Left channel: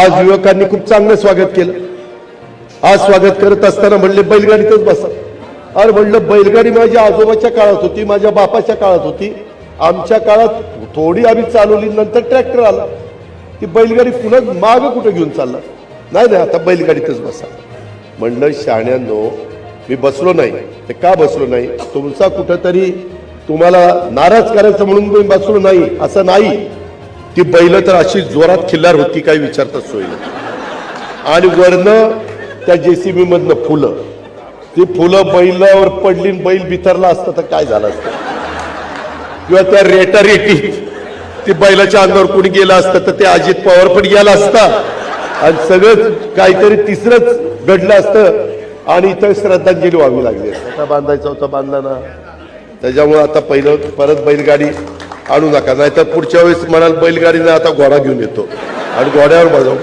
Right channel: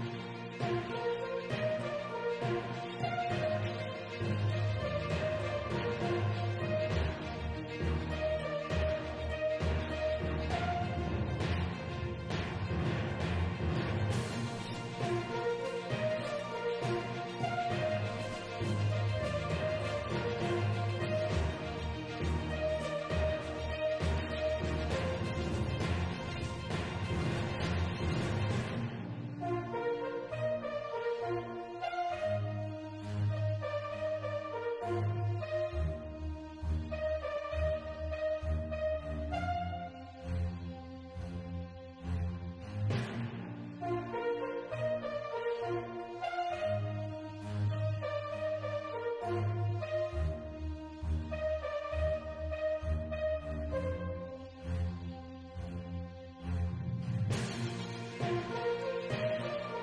आज युवकांनी खूप चांगलं स्वागत केलं। आज स्वागत करत असताना म्हणले बैलगाडीतच बसा। अरे म्हणलं बैलगाडी माझ्या आजोबाच्या काळात होती, माझ्या बापाच्या काळात होती, आमच्या काळात थोडी आम्ही चालवली, नंतर ट्रॅक्टर आला। ती बैलगाडी पुन्हा माग कुठे घेऊन चालला? नाही आता बैलगाडीतच बसा। म्हणलं शाण्यांनो, मी बसलो नाही। ते का बसलो नाही? तुमचा कुठेतरी तुम्हाला नाराज करायचं म्हणून मी बसलो नाही असं नाही। ती बैल तर अशी जोरात खिल्लार होती, काय विचारताच सोय नाही। आणि वरनं त्या जेसीबी मधनं फुलं, ती फुलं बैलावर पडली, बैल बिथरला असतं तर काय झालं असतं? किंवा त्या रेटारेटीत ती बैलाच्या अंगावर कुणी गेलं असतं तर ते अजित पवार पण गेला असता आणि सगळं काहीतरी तिसरंच घडलं असतं आणि इथं श्रद्धांजली व्हावी लागली असते। आता बांधायचा होता, बांधला ना। त्याच्यामुळे आता पहिलं परत बैलगाडी आणू नका, नाहीतर पुढच्या वेळेस म्हणाल बैलगाडीने आता घोडा घेऊन येतो आणि घोड्यावर बसव।